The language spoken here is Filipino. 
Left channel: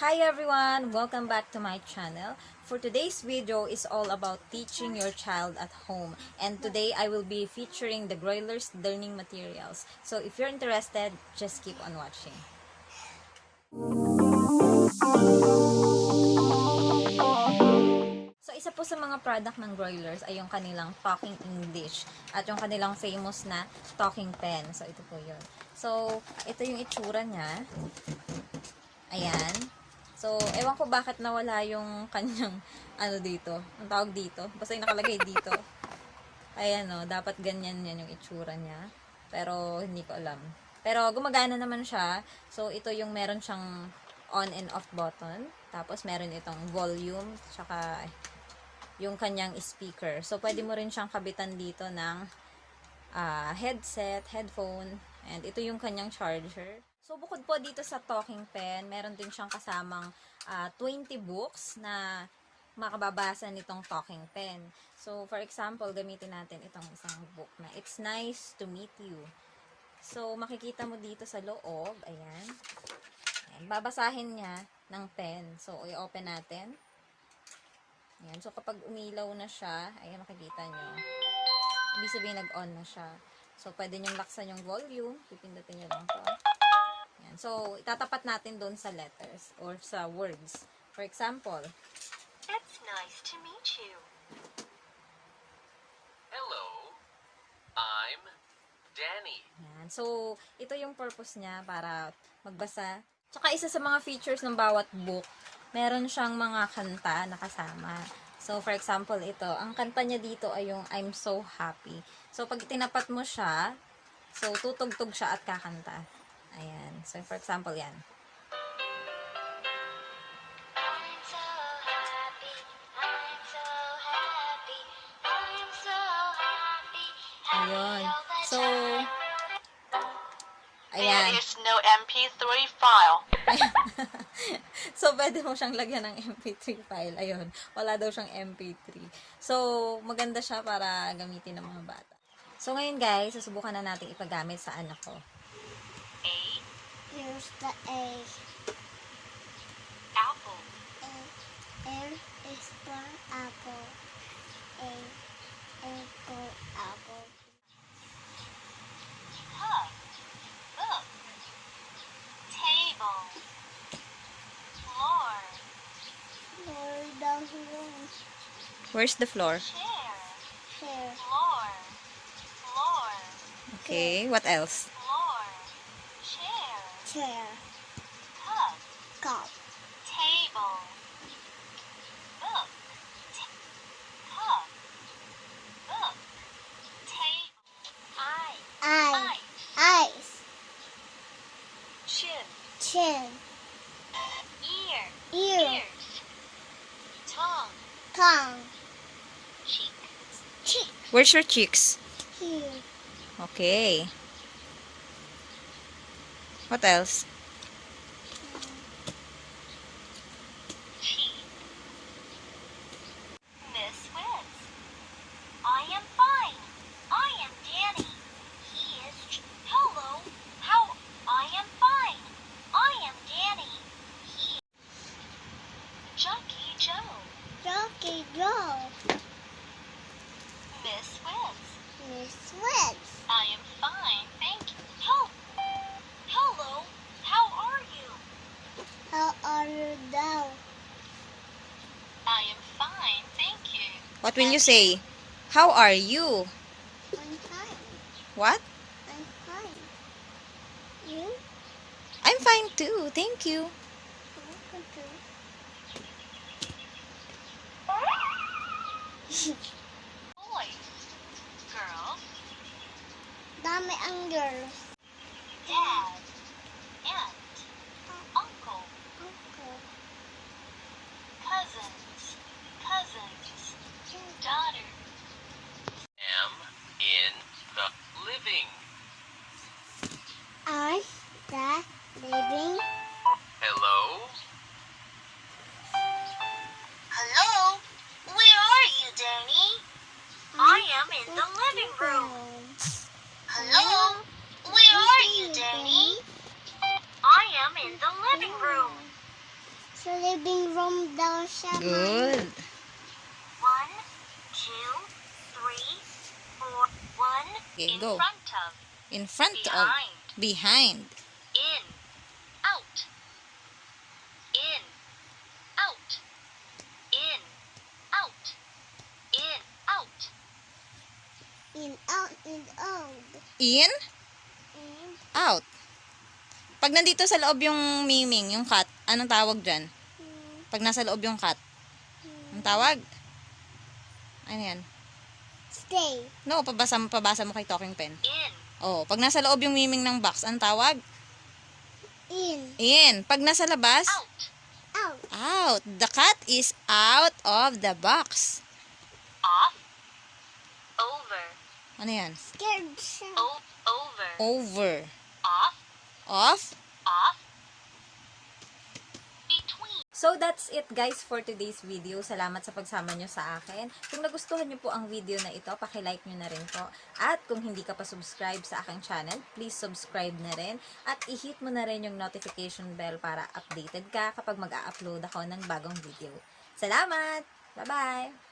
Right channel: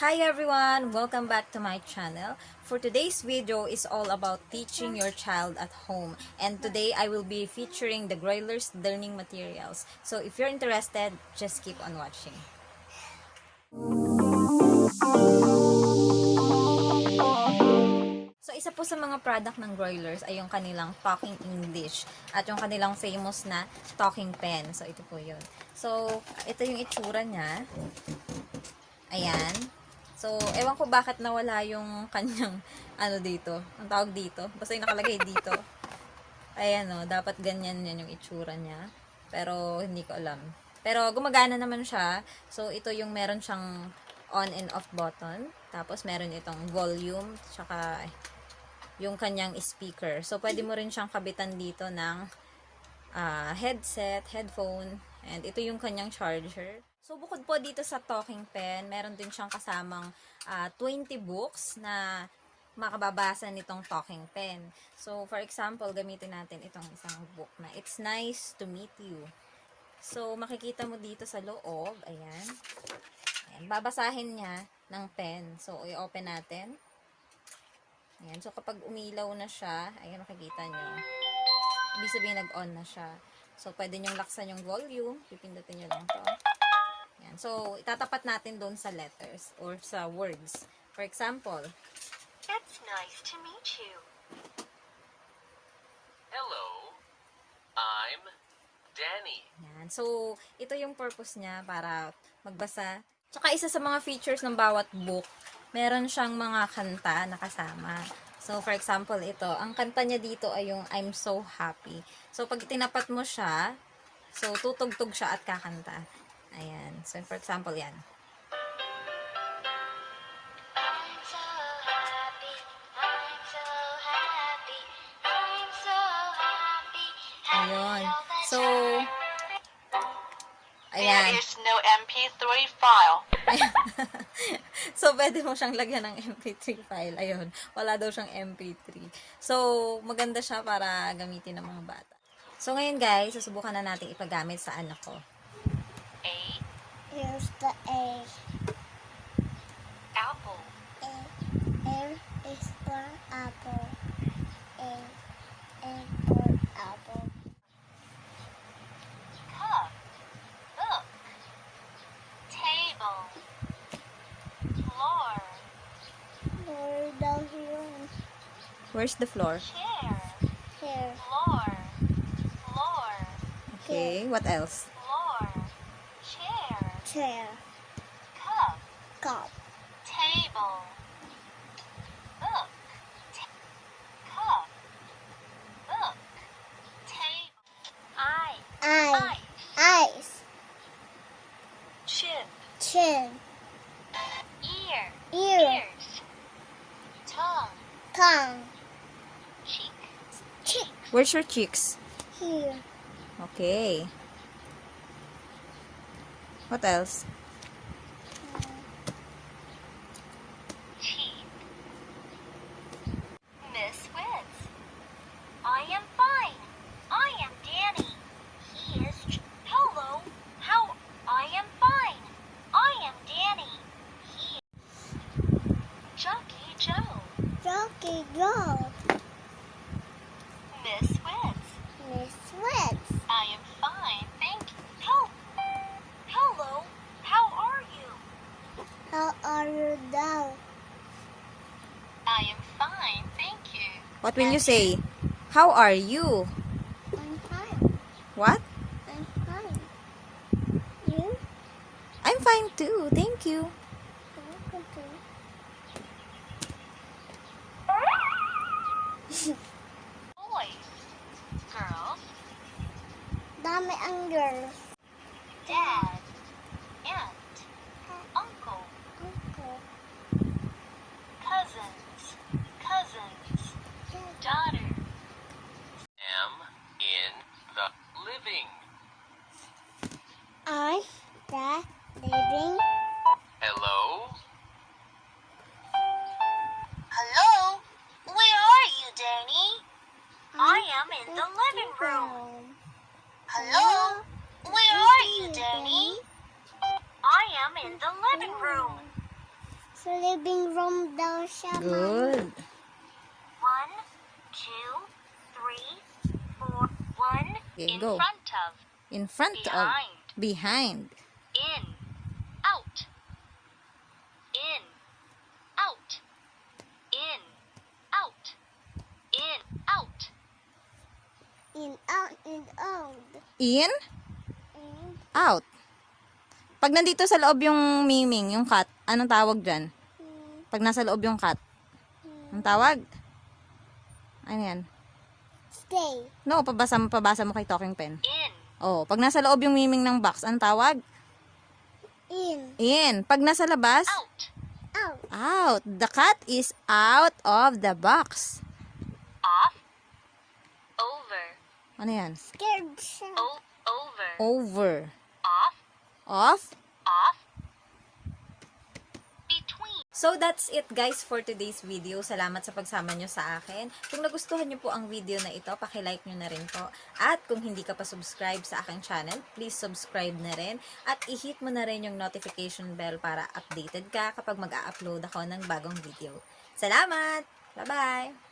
Hi everyone! Welcome back to my channel. For today's video is all about teaching your child at home. And today I will be featuring the Grolier's learning materials. So if you're interested, just keep on watching. So isa po sa mga product ng Groliers ay yung kanilang Talking English at yung kanilang famous na Talking Pen. So ito po yun. So ito yung itsura niya. Ayan. So, ewan ko bakit nawala yung kanyang, dito. Ang tawag dito. Basta yung nakalagay dito. Ayan o, dapat ganyan yan yung itsura niya. Pero, hindi ko alam. Pero, gumagana naman siya. So, ito yung meron siyang on and off button. Tapos, meron itong volume. Tsaka, yung kanyang speaker. So, pwede mo rin siyang kabitan dito ng headset, headphone. And, ito yung kanyang charger. So, bukod po dito sa talking pen, meron din siyang kasamang 20 books na makababasa nitong talking pen. So, for example, gamitin natin itong isang book na It's Nice to Meet You. So, makikita mo dito sa loob, ayan. Ayan, babasahin niya ng pen. So, i-open natin. Ayan, so kapag umilaw na siya, ayan, makikita niyo. Ibig sabihin nag-on na siya. So, pwede niyong laksan yung volume. Pipindutin niyo lang to. Yan. So, itatapat natin doon sa letters or sa words. For example, It's nice to meet you. Hello, I'm Danny. yan. So, ito yung purpose niya para magbasa. Tsaka isa sa mga features ng bawat book, meron siyang mga kanta na kasama. So, for example, ito. Ang kanta niya dito ay yung I'm So Happy. So, pag tinapat mo siya, so, tutugtog siya at kakanta. Ayan. So, for example, yan. I'm so happy, I'm so happy, I'm so happy. Ayun. So, ayan. There is no MP3 file. So, pwede mo siyang lagyan ng MP3 file. Ayun. Wala daw siyang MP3. So, maganda siya para gamitin ng mga bata. So, ngayon guys, susubukan na natin ipagamit sa anak ko. A. Here's the A. Apple. M is for apple. A for apple. Cup. Book. Table. Floor. For the room. Where's the floor? Chair. Chair. Floor. Floor. Okay, what else? Floor. Chair. Chair. Cup. Cup. Table. Book. Cup. Book. Table. Eye. Eye. Eyes. Chin. Chin. Ear. Ear. Ears. Tongue. Tongue. Cheek. Cheek. Where's your cheeks? Here. Okay. What else? Cheek. Miss Witz. I am fine. I am Danny. He is. Hello. How? I am fine. I am Danny. He. Junkie Joe. Jockey Joe. Miss Witz. Miss Witz. I am fine, thank you. Hello. How are you? How are you now? I am fine, thank you. What will you say? How are you? I'm fine. What? I'm fine. You? I'm fine too. Thank you. Boy. Girl. Dami ang girls. Dad. Aunt. Uncle. Uncle. Cousins. Cousins. Daughter. Am in the living. I the living. Hello. Sa living room daw siya. Good. 1, 2, 3, 4. 1 Okay, in go. front of, In front of. behind, Behind. in, out, in, out, in, out, in, out. In, out, in, out. In. In, Out. Pag nandito sa loob yung miming, yung cat, anong tawag dyan? Pag nasa loob yung cat, anong tawag? Ano yan? stay. No, pabasa mo kay talking pen. In, Oh, pag nasa loob yung miming ng box, anong tawag? In, In. Pag nasa labas, out, out. out. The cat is out of the box. off, over, Ano yan? Scared siya. over, Over. off, Off. off, between. So that's it guys for today's video. Salamat sa pagsama nyo sa akin. Kung nagustuhan nyo po ang video na ito, paki-like nyo na rin po. At kung hindi ka pa subscribe sa aking channel, please subscribe na rin. At i-hit mo na rin yung notification bell para updated ka kapag mag-a-upload ako ng bagong video. Salamat! Bye-bye!